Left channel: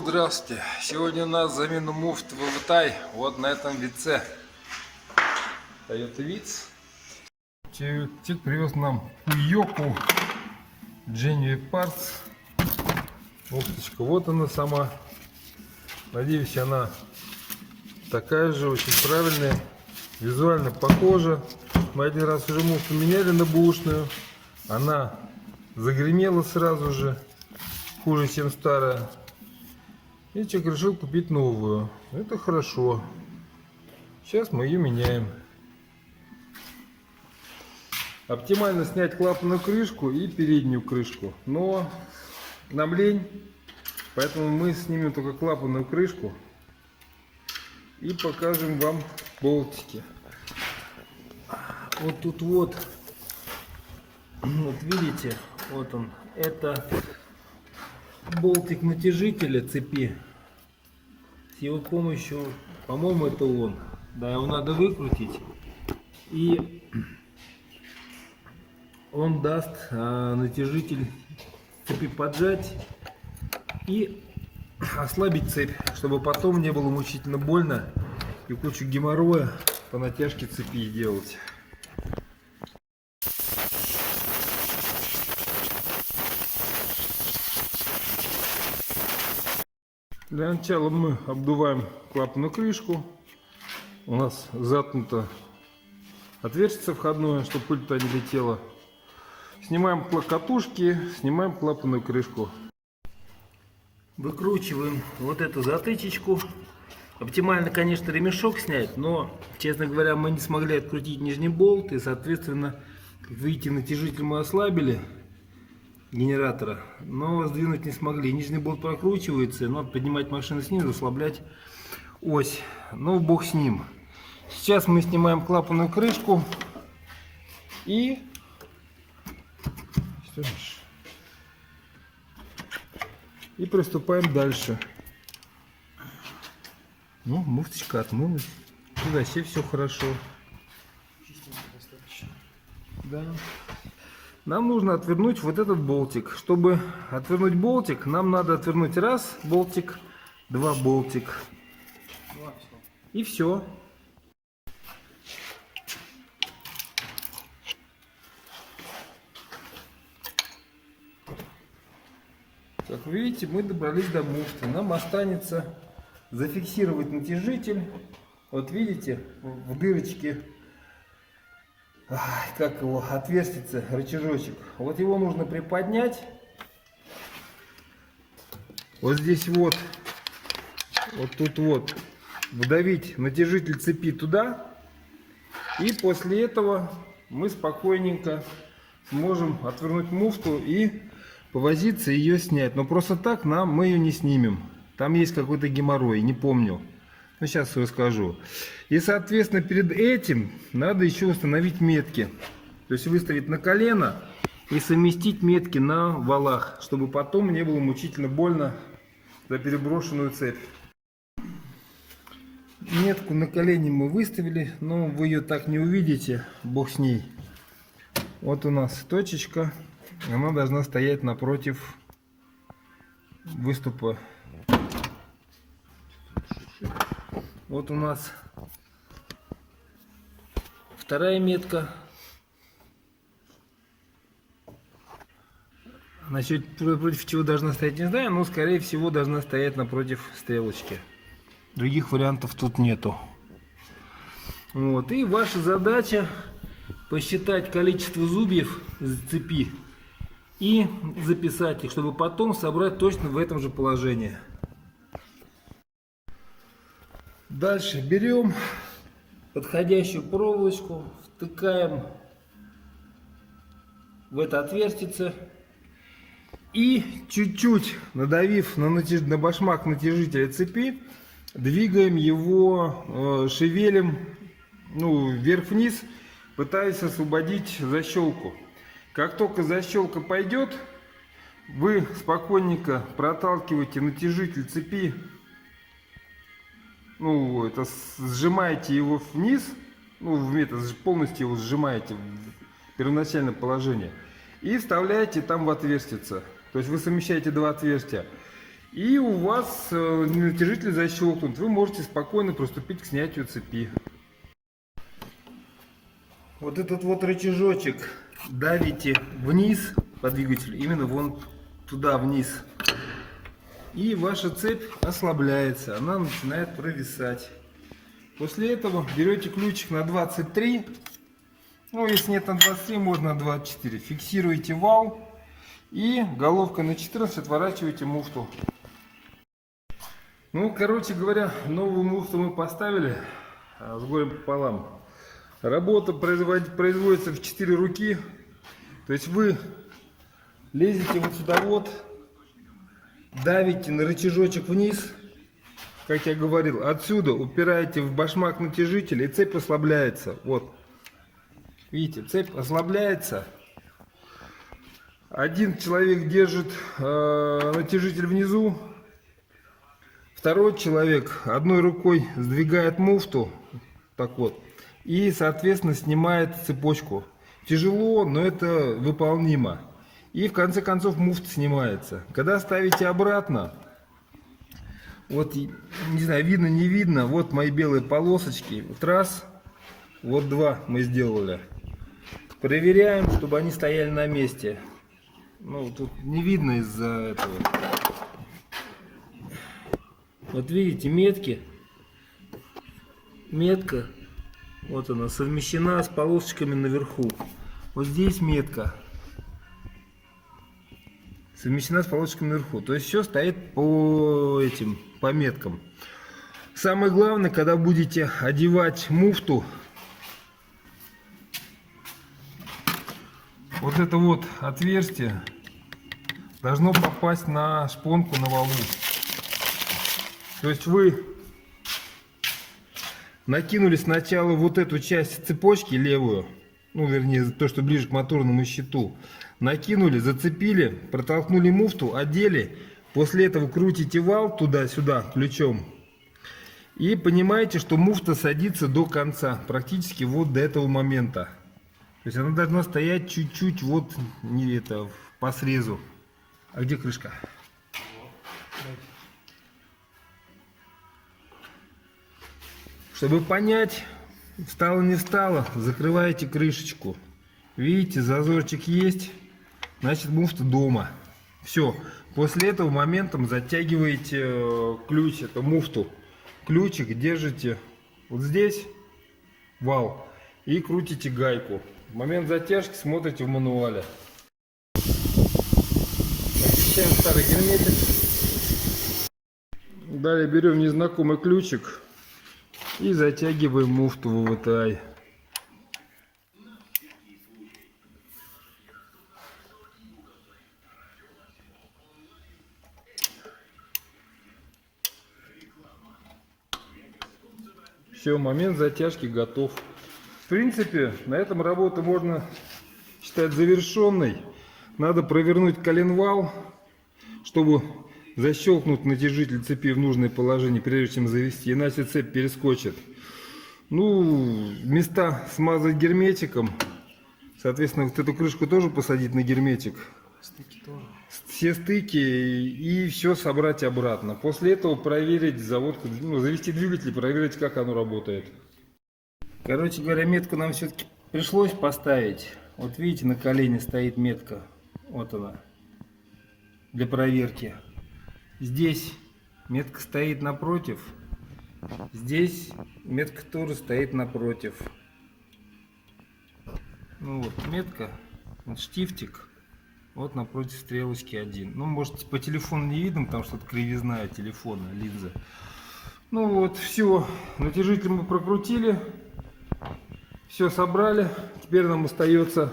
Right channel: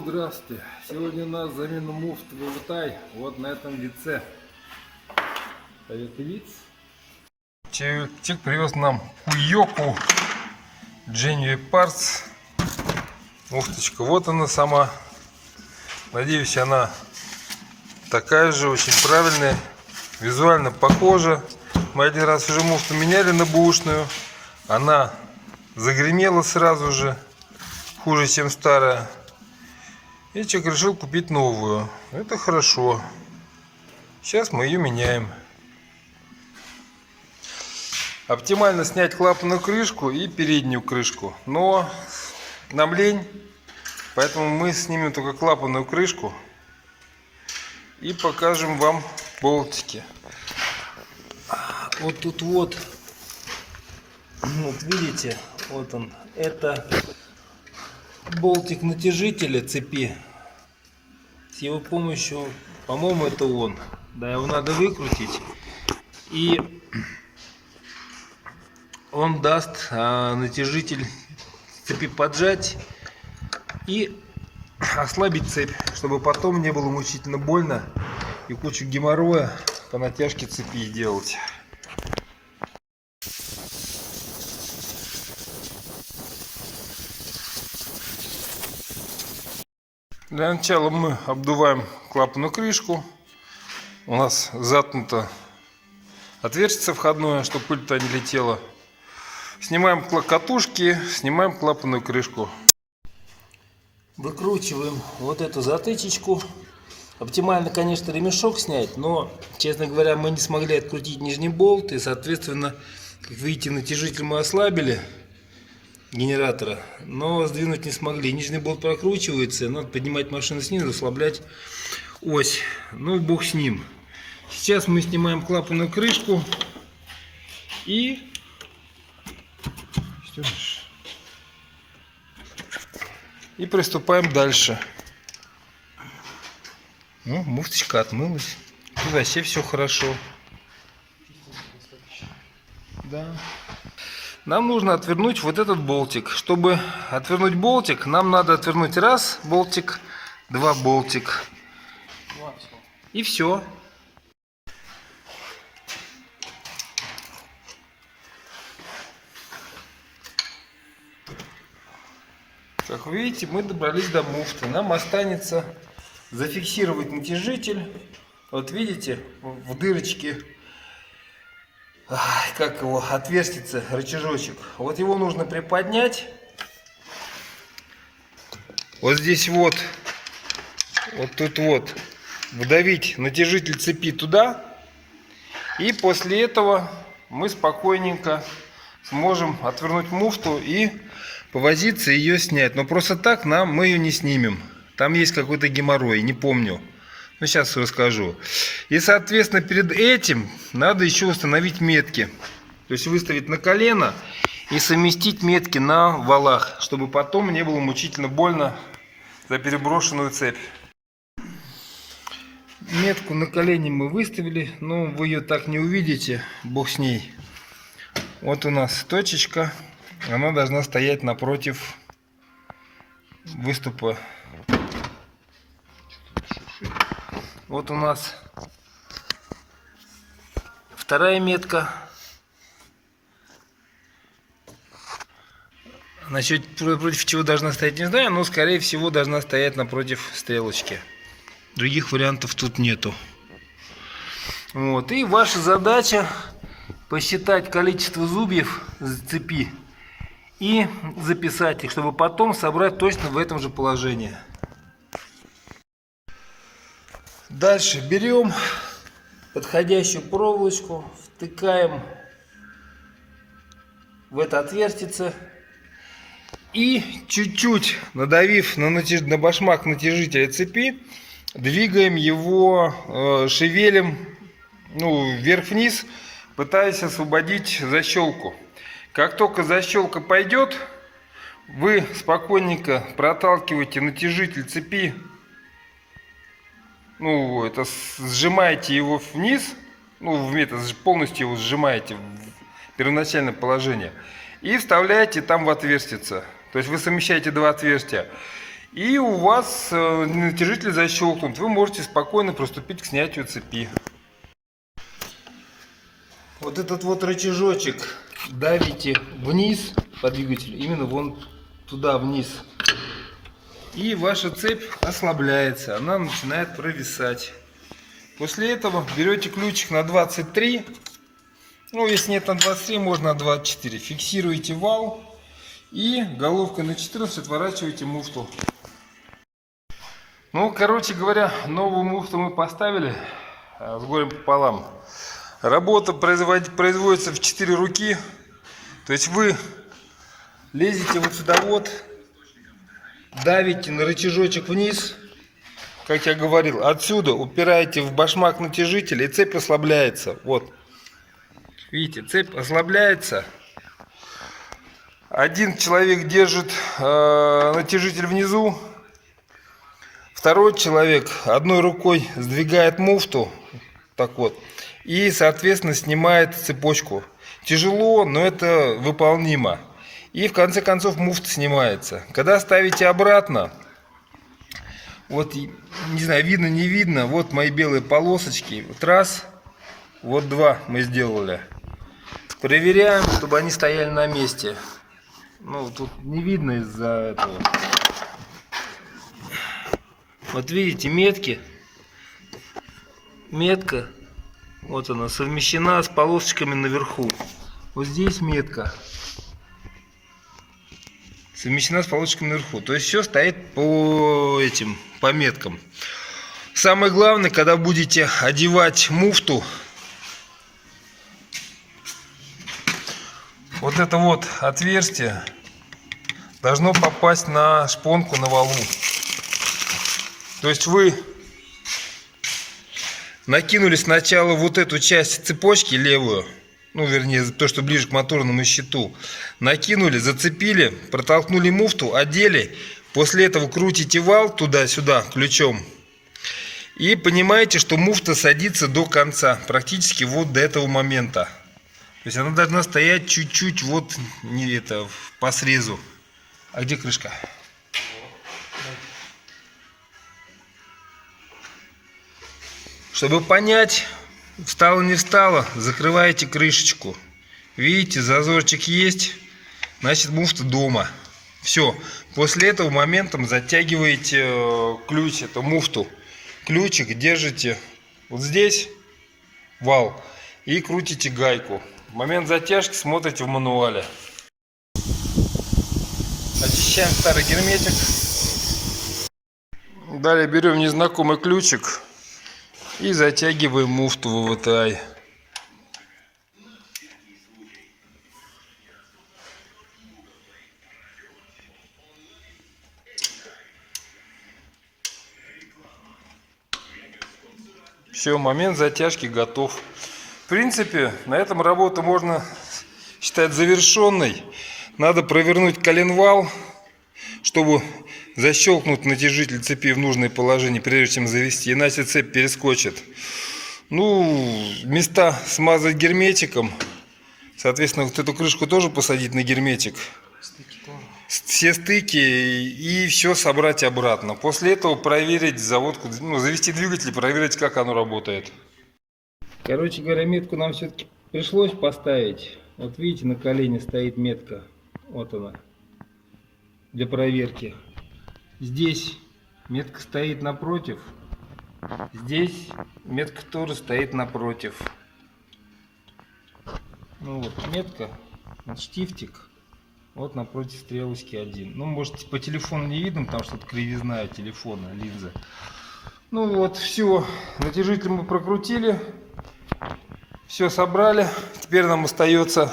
здравствуйте! Сегодня у нас замена муфт Вывотай вот на этом вице. Toyota Vitz. Человек привез нам Puyoku Genuine Parts. Муфточка, вот она сама. Надеюсь, она такая же, очень правильная, визуально похожа. Мы один раз уже муфту меняли на бэушную. Она загремела сразу же, хуже, чем старая. И человек решил купить новую. Это хорошо. Сейчас мы ее меняем. Оптимально снять клапанную крышку и переднюю крышку. Но нам лень, поэтому мы снимем только клапанную крышку и покажем вам болтики. Вот тут вот видите, вот он, это болтик натяжителя цепи. С его помощью, по-моему, это он. Да, его надо выкрутить, и он даст натяжитель цепи поджать и ослабить цепь, чтобы потом не было мучительно больно и кучу геморроя по натяжке цепи делать. Для начала мы обдуваем клапанную крышку. У нас заткнуто отверстие входное, чтобы пыль туда не летела. Снимаем катушки, снимаем клапанную крышку. Выкручиваем вот эту затычечку. Оптимально, конечно, ремешок снять, но, честно говоря, мы не смогли открутить нижний болт, и, соответственно, как видите, натяжитель мы ослабили генератора, но сдвинуть не смогли. Нижний болт прокручивается, надо поднимать машину снизу, ослаблять ось. Ну, бог с ним. Сейчас мы снимаем клапанную крышку и приступаем дальше. Ну, муфточка отмылась. Тут вообще все хорошо. Да. Нам нужно отвернуть вот этот болтик. Чтобы отвернуть болтик, нам надо отвернуть раз болтик, два болтик. И все. Как вы видите, мы добрались до муфты. Нам останется зафиксировать натяжитель. Вот видите, в дырочке, как его, отверстится рычажочек. Вот его нужно приподнять. Вот здесь вот тут вот, вдавить натяжитель цепи туда. И после этого мы спокойненько сможем отвернуть муфту и повозиться ее снять. Но просто так мы ее не снимем. Там есть какой-то геморрой, не помню. Но сейчас расскажу. И, соответственно, перед этим надо еще установить метки. То есть выставить на колено и совместить метки на валах, чтобы потом не было мучительно больно за переброшенную цепь. Метку на колене мы выставили, но вы ее так не увидите, бог с ней. Вот у нас точечка, она должна стоять напротив выступа. Вот у нас вторая метка. Насчет против чего должна стоять, не знаю, но скорее всего должна стоять напротив стрелочки. Других вариантов тут нету. Вот. И ваша задача посчитать количество зубьев цепи и записать их, чтобы потом собрать точно в этом же положении. Дальше берем подходящую проволочку, втыкаем в это отверстие и чуть-чуть надавив на башмак натяжителя цепи, двигаем его, шевелим, вверх-вниз, пытаясь освободить защелку. Как только защелка пойдет, вы спокойненько проталкиваете натяжитель цепи, сжимаете его вниз, полностью его сжимаете в первоначальное положение и вставляете там в отверстие. То есть вы совмещаете два отверстия. И у вас натяжитель защелкнут. Вы можете спокойно приступить к снятию цепи. Вот этот вот рычажочек давите вниз по двигателю, именно вон туда вниз. И ваша цепь ослабляется, она начинает провисать. После этого берете ключик на 23. Ну, если нет на 23, можно на 24. Фиксируете вал и головкой на 14 отворачиваете муфту. Ну, короче говоря, новую муфту мы поставили с горем пополам. Работа производится в 4 руки. То есть вы лезете вот сюда вот, давите на рычажочек вниз, как я говорил, отсюда упираете в башмак натяжителя, и цепь ослабляется. Вот. Видите, цепь ослабляется. Один человек держит натяжитель внизу, второй человек одной рукой сдвигает муфту, так вот, и, соответственно, снимает цепочку. Тяжело, но это выполнимо. И в конце концов муфта снимается. Когда ставите обратно, вот, не знаю, видно, не видно, вот мои белые полосочки. Вот раз, вот два мы сделали. Проверяем, чтобы они стояли на месте. Ну, тут не видно из-за этого. Вот видите, метки. Метка, вот она, совмещена с полосочками наверху. Вот здесь метка. Совмещена с полосочками наверху. То есть все стоит по меткам. Самое главное, когда будете одевать муфту, вот это вот отверстие должно попасть на шпонку на валу. То есть вы накинули сначала вот эту часть цепочки левую, ну вернее то, что ближе к моторному щиту, накинули, зацепили, протолкнули муфту, одели, после этого крутите вал туда-сюда ключом и понимаете, что муфта садится до конца, практически вот до этого момента. То есть она должна стоять чуть-чуть вот не это по срезу. А где крышка? Чтобы понять, встало не встало, закрываете крышечку. Видите, зазорчик есть, значит муфта дома. Все. После этого моментом затягиваете ключ, эту муфту. Ключик держите вот здесь, вал, и крутите гайку. В момент затяжки смотрите в мануале. Очищаем старый герметик. Далее берем незнакомый ключик и затягиваем муфту в VTI. Все, момент затяжки готов. В принципе, на этом работу можно считать завершенной. Надо провернуть коленвал, чтобы защелкнуть натяжитель цепи в нужное положение, прежде чем завести, иначе цепь перескочит. Ну, места смазать герметиком. Соответственно, вот эту крышку тоже посадить на герметик. Все стыки и все собрать обратно. После этого проверить заводку, ну, завести двигатель, проверить, как оно работает. Короче говоря, метку нам все-таки пришлось поставить. Вот видите, на колене стоит метка. Вот она. Для проверки. Здесь метка стоит напротив. Здесь метка тоже стоит напротив. Ну вот метка, вот штифтик. Вот напротив стрелочки 1. Ну, может, по телефону не видно, потому что это кривизна телефона, линза. Ну вот, все. Натяжитель мы прокрутили. Все собрали. Теперь нам остается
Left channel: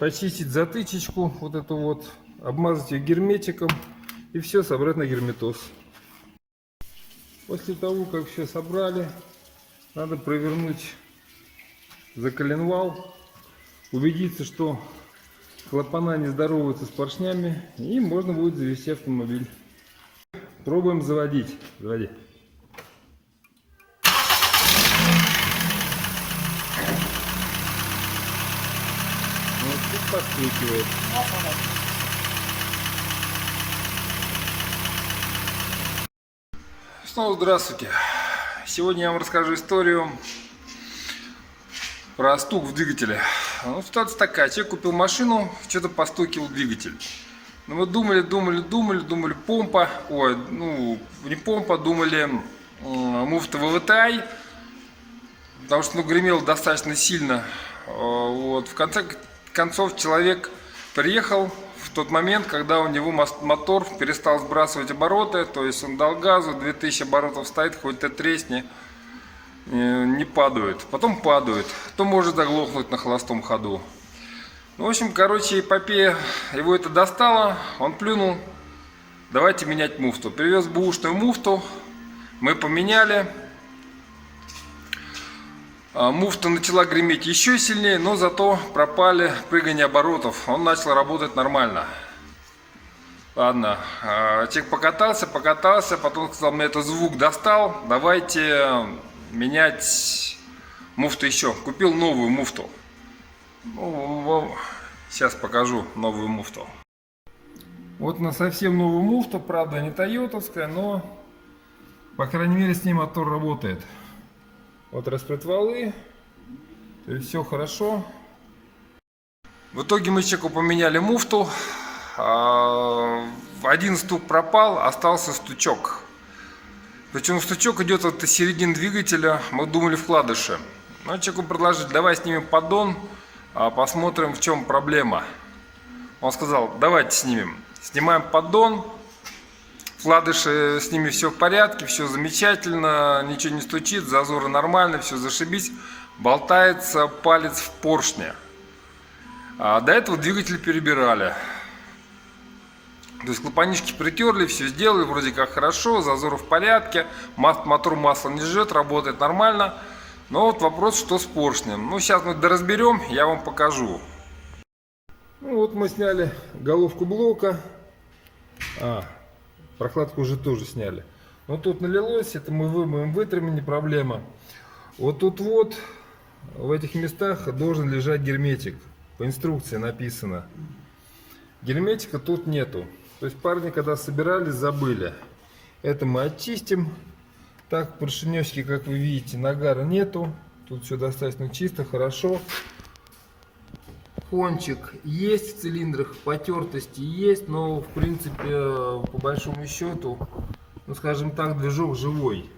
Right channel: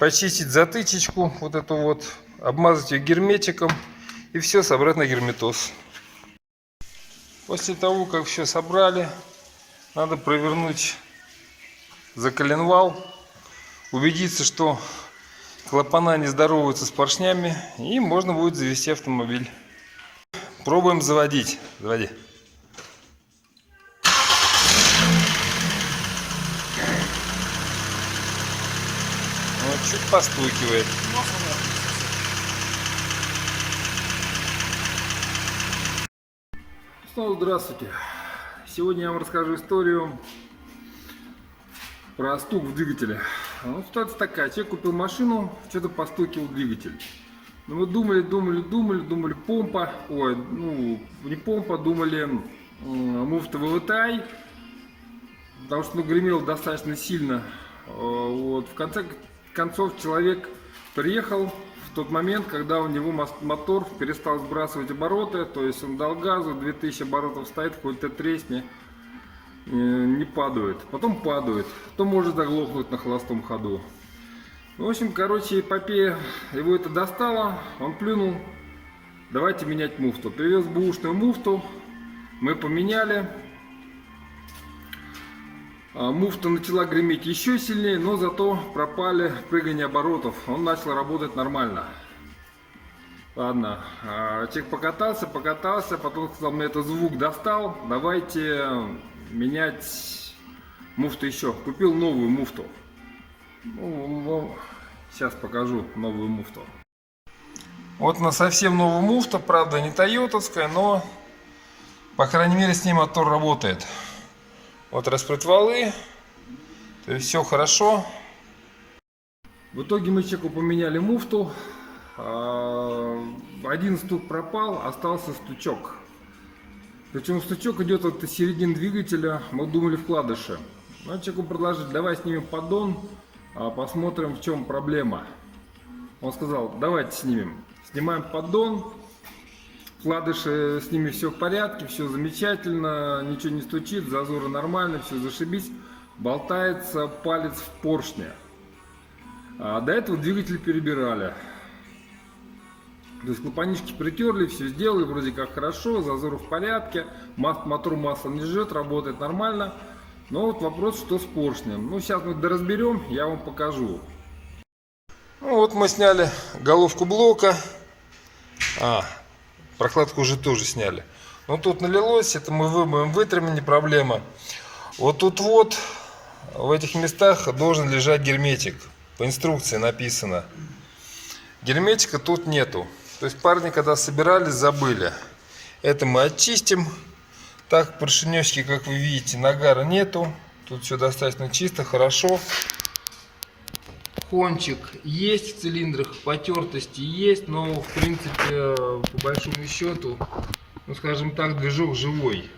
почистить затычечку, вот эту вот, обмазать ее герметиком и все собрать на герметоз. После того, как все собрали, надо провернуть заколенвал, убедиться, что клапана не здороваются с поршнями, и можно будет завести автомобиль. Пробуем заводить. Заводи. Вот, чуть постукивает. Снова здравствуйте. Сегодня я вам расскажу историю про стук в двигателе. Ну, ситуация такая. Человек купил машину, что-то постукивал двигатель. Ну, мы думали, помпа. Ой, ну, не помпа, думали муфта ВВТ. Потому что, ну, гремело достаточно сильно. Вот. В конце концов, человек приехал в тот момент, когда у него мотор перестал сбрасывать обороты, то есть он дал газу, 2000 оборотов стоит, хоть ты тресни, не падает. Потом падает, то может заглохнуть на холостом ходу. Ну, в общем, короче, эпопея, его это достало, он плюнул, давайте менять муфту. Привез бэушную муфту, мы поменяли. Муфта начала греметь еще сильнее, но зато пропали прыгания оборотов. Он начал работать нормально. Ладно, человек покатался, потом сказал, мне этот звук достал, давайте менять муфту еще. Купил новую муфту. Ну, сейчас покажу новую муфту. Вот на совсем новую муфту, правда не тойотовская, но по крайней мере с ней мотор работает. Вот распредвалы, то есть все хорошо. В итоге мы человеку поменяли муфту. Один стук пропал, остался стучок. Причем стучок идет от середины двигателя. Мы думали вкладыши. Но человеку предложили, давай снимем поддон, посмотрим, в чем проблема. Он сказал, давайте снимем. Снимаем поддон. Вкладыши, с ними все в порядке, все замечательно, ничего не стучит, зазоры нормальные, все зашибись. Болтается палец в поршне. До этого двигатель перебирали. То есть клапанишки притерли, все сделали, вроде как хорошо, зазоры в порядке, мотор масло не жжет, работает нормально. Но вот вопрос, что с поршнем. Ну, сейчас мы доразберем, я вам покажу. Ну, вот мы сняли головку блока. Прокладку уже тоже сняли. Но тут налилось, это мы вымоем, вытрем, не проблема. Вот тут вот, в этих местах должен лежать герметик. По инструкции написано. Герметика тут нету. То есть парни, когда собирались, забыли. Это мы очистим. Так, поршенечки, как вы видите, нагара нету. Тут все достаточно чисто, хорошо. Кончик есть в цилиндрах, потертости есть, но в принципе, по большому счету, ну скажем так, движок живой.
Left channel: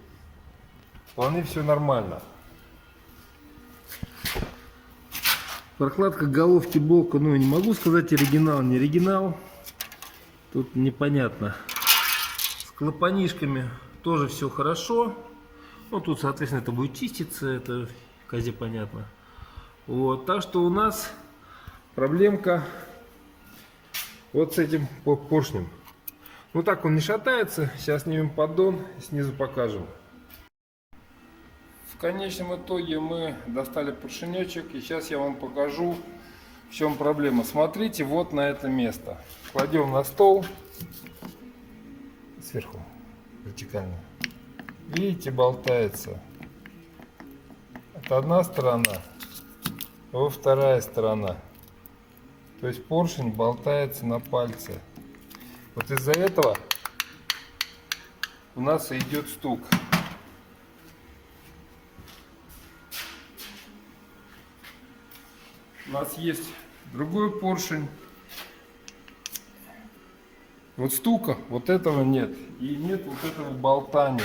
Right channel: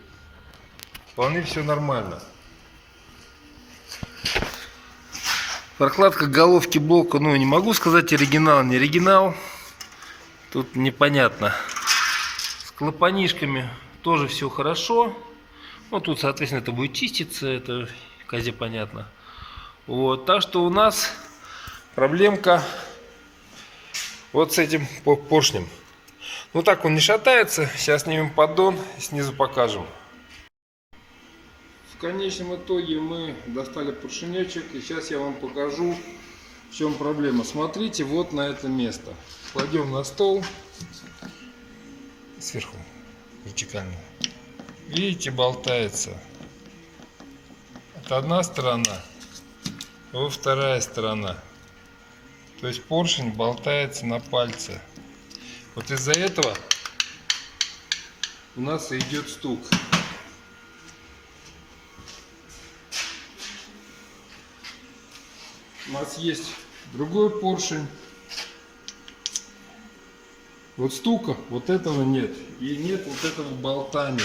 Вполне все нормально. Прокладка головки блока, ну не могу сказать оригинал, не оригинал. Тут непонятно. С клапанишками тоже все хорошо. Ну тут, соответственно, это будет чиститься, это козе понятно. Вот, так что у нас проблемка вот с этим поршнем. Ну так он не шатается. Сейчас снимем поддон, снизу покажем. В конечном итоге мы достали поршенечек. И сейчас я вам покажу, в чем проблема. Смотрите вот на это место. Кладем на стол. Сверху вертикально. Видите, болтается. Это одна сторона. Вот вторая сторона. То есть поршень болтается на пальце. Вот из-за этого у нас идет стук. У нас есть другой поршень. Вот стука, вот этого нет. И нет вот этого болтания.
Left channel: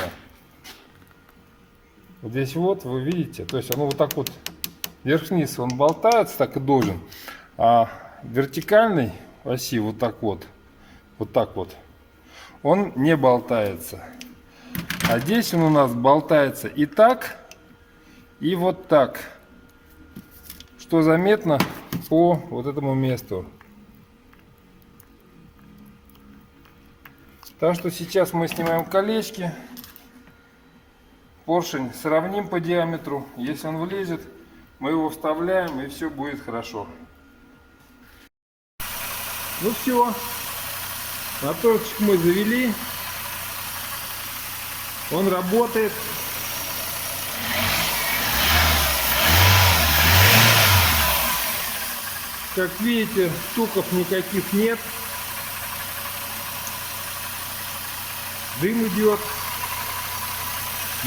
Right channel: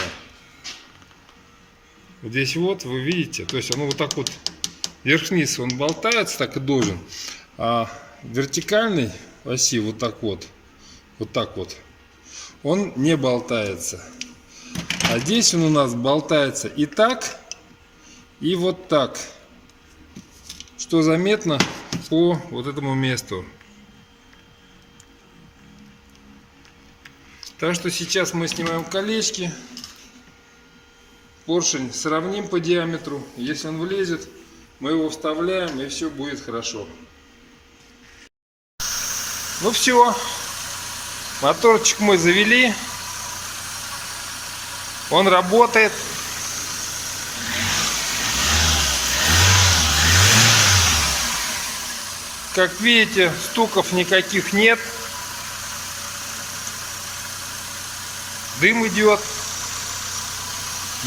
Вот здесь вот вы видите, то есть оно вот так вот вверх-вниз он болтается, так и должен. А вертикальной оси вот так вот, он не болтается. А здесь он у нас болтается и так, и вот так, что заметно по вот этому месту. Так что сейчас мы снимаем колечки, поршень сравним по диаметру, если он влезет, мы его вставляем, и все будет хорошо. Ну все, моторчик мы завели, он работает. Как видите, стуков никаких нет, дым идет.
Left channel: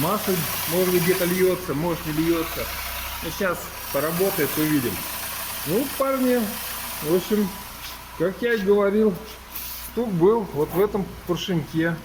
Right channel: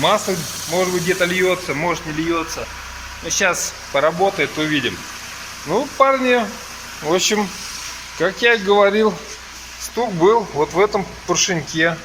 Масло, может быть, где-то льется, может, не льется. Но сейчас поработает, увидим. Ну, парни, в общем, как я и говорил, стук был вот в этом поршеньке.